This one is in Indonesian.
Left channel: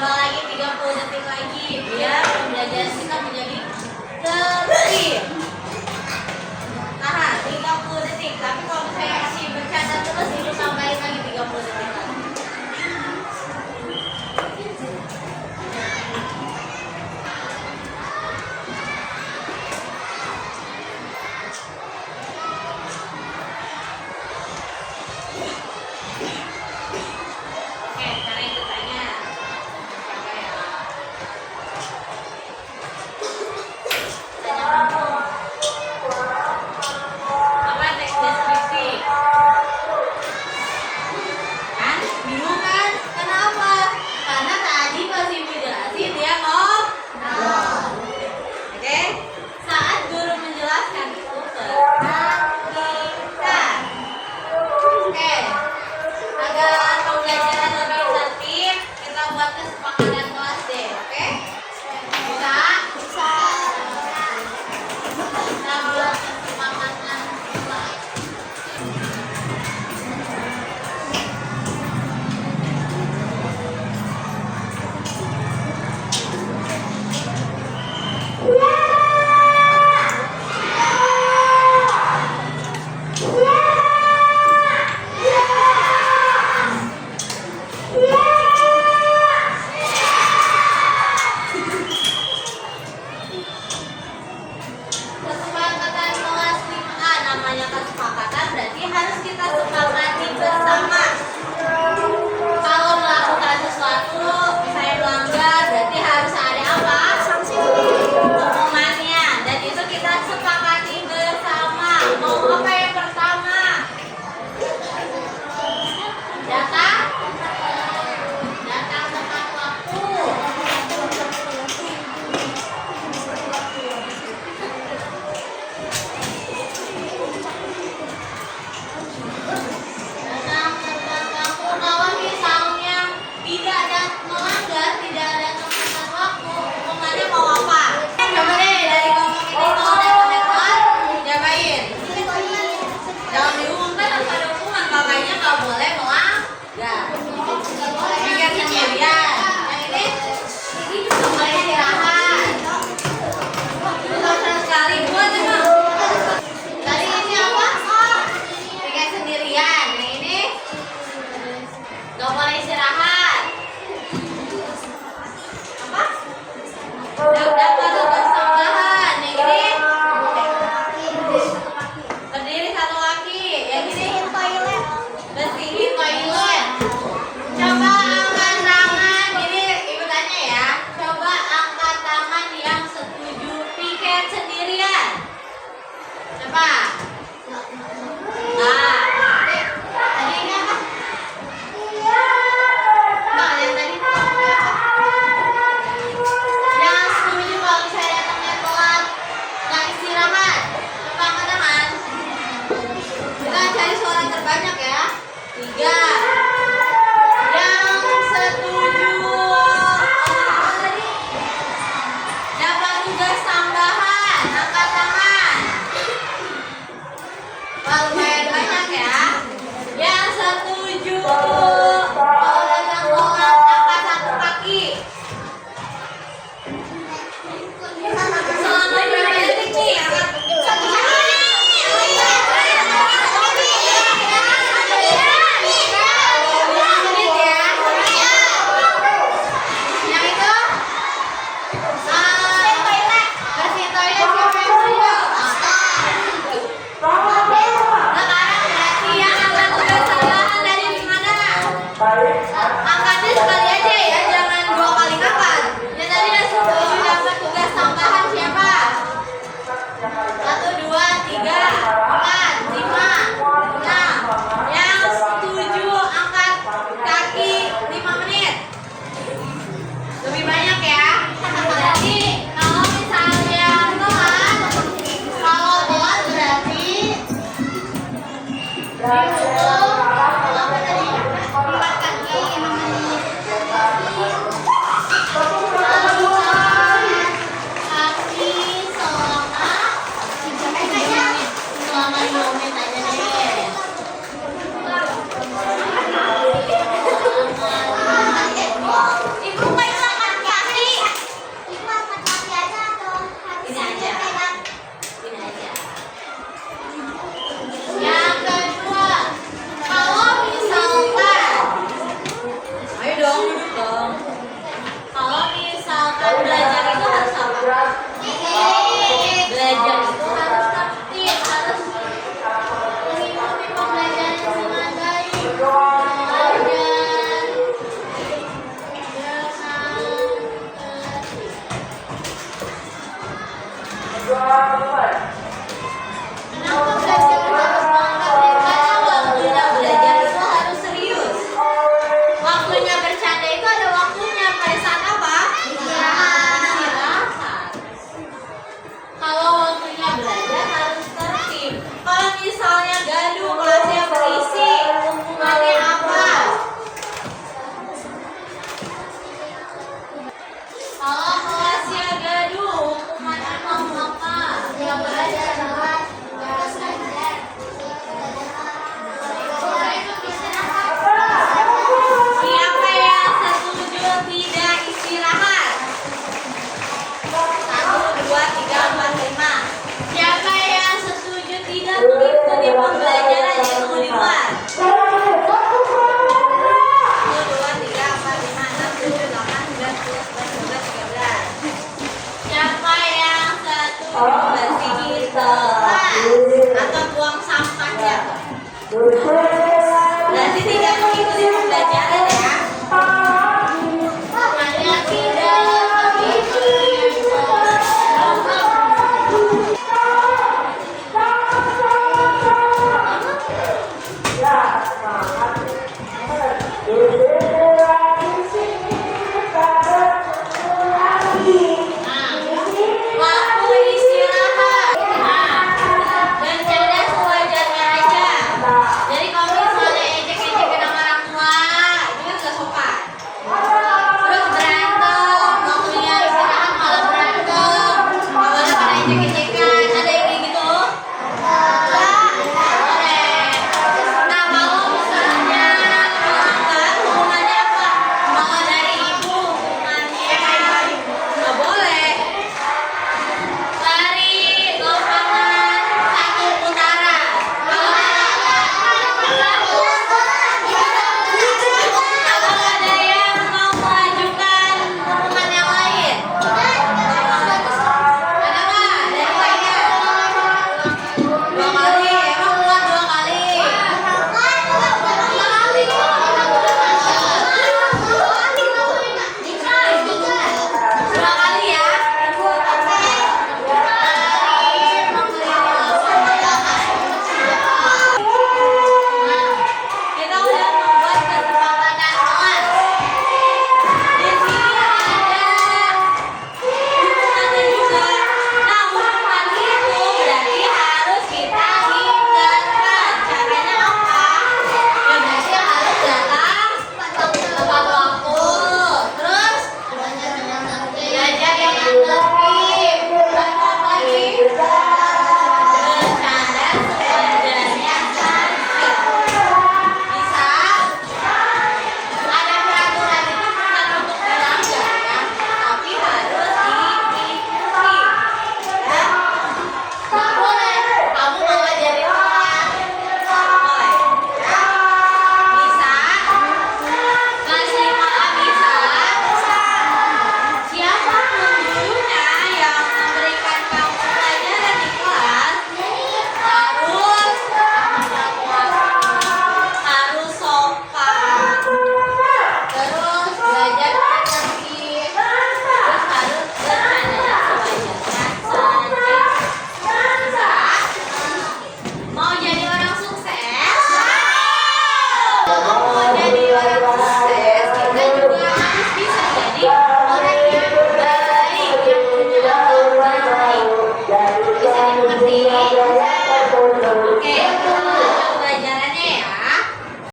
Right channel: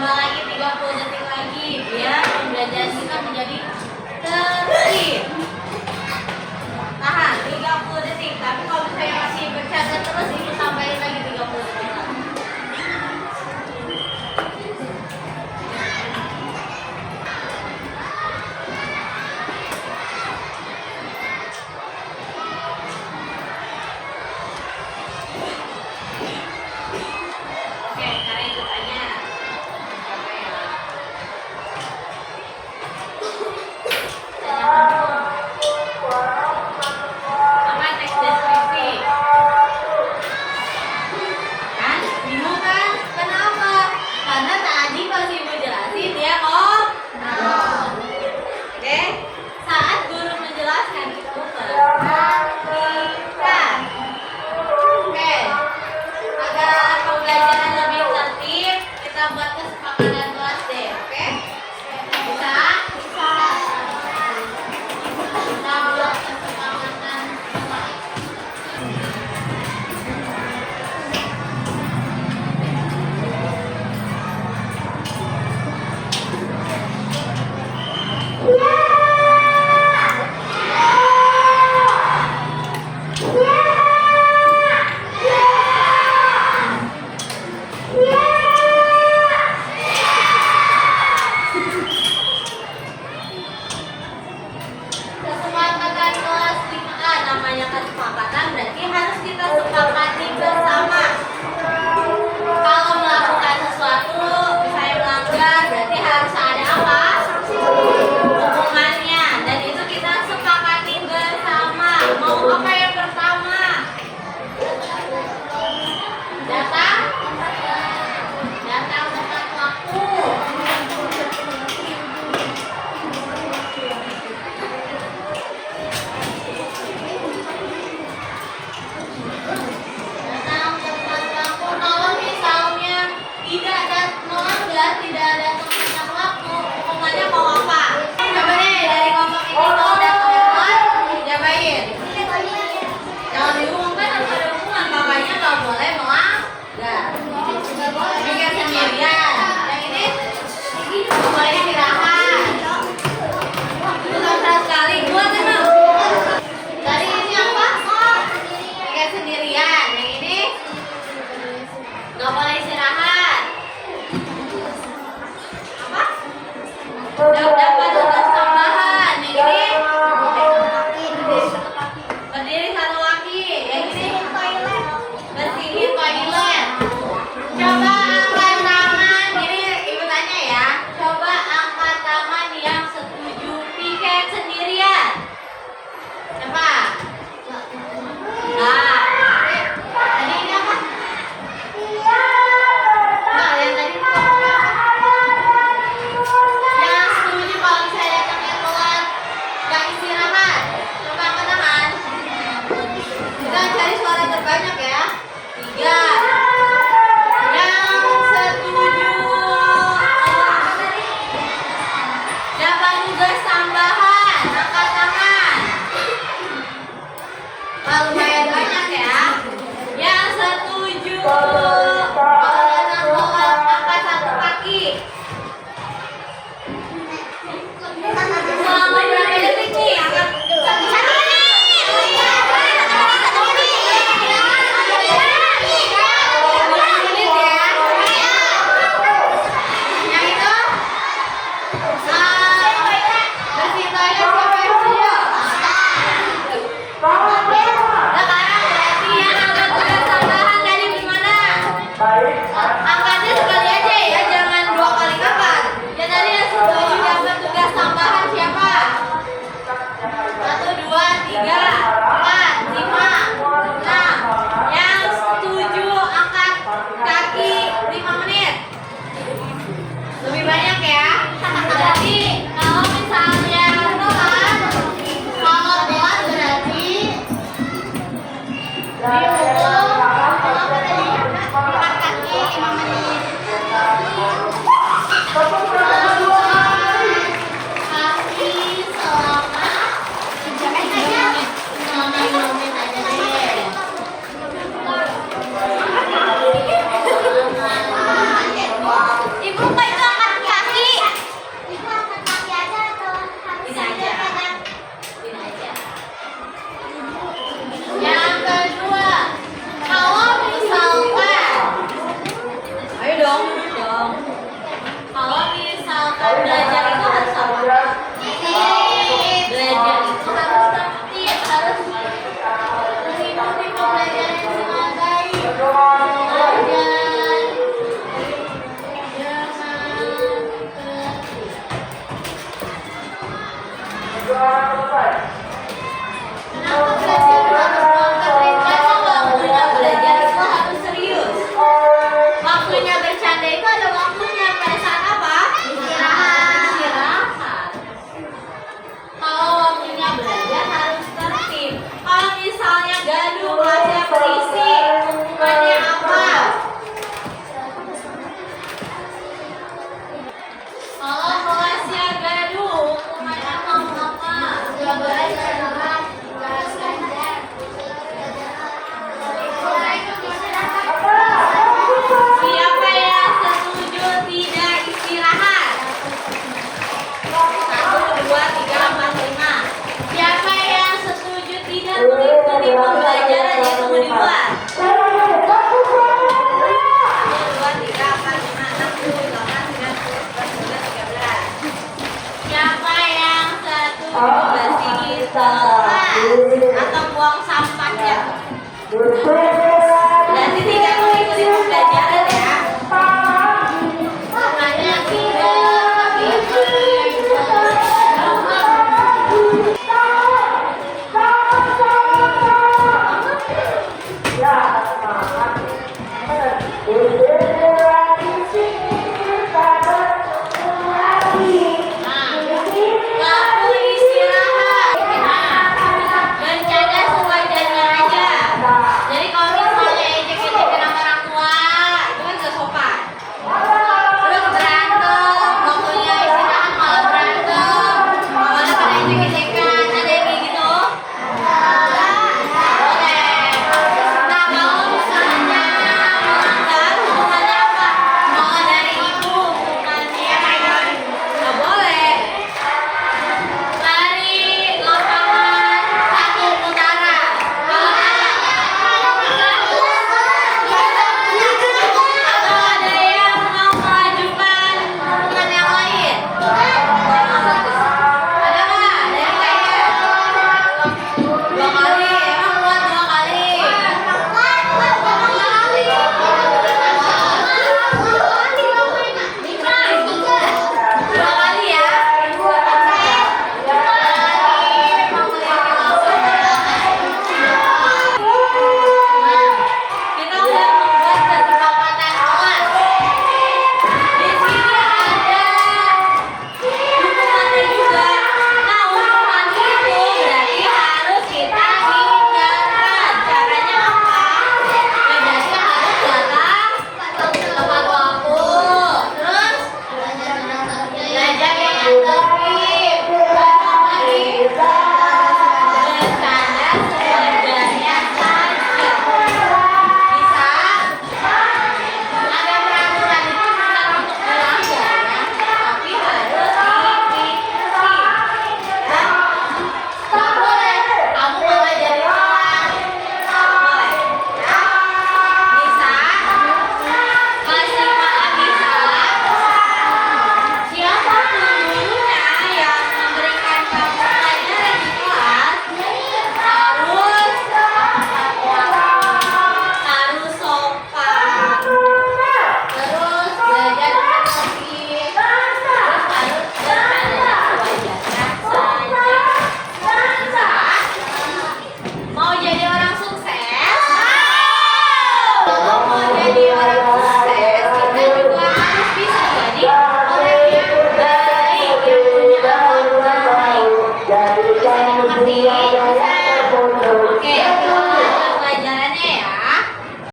Tambah lagi 30 detik lagi biar pembelajaran kita menjadi tertib. Tahan 30 detik. Tapi kalau misalnya masih bercanda terus, ibu tambahin lagi 30 detik lagi. Oke, sekarang ikut tanya. Coba ya. Tanya kamu. Apa teks deskripsi? Hah? belajar itu harus apa? Belajar itu harus tertib, harus mengikuti pembelajaran dengan baik. Kenapa belajar harus berangkat? Karena waktunya belajar itu harus serius. Waktunya bercanda itu ada waktunya. Pada saat apa? Istirahat. Kalau waktunya belajar harus tertib. Kalau misalnya gaduh, kelasnya berisik, hukumannya apa? Kalau kelasnya gaduh, hukumannya mau apa? Siapa yang setuju tidak istirahat? 1, 2, 3, 4, 5. Siapa yang setuju tidak mengikuti pembelajaran yaitu di luar? 1, 2, 3, 4, 5, 6, 7, 8, 9, 10, 11, 12, 13. Siapa yang setuju bersih di kelas atau buang sampahnya?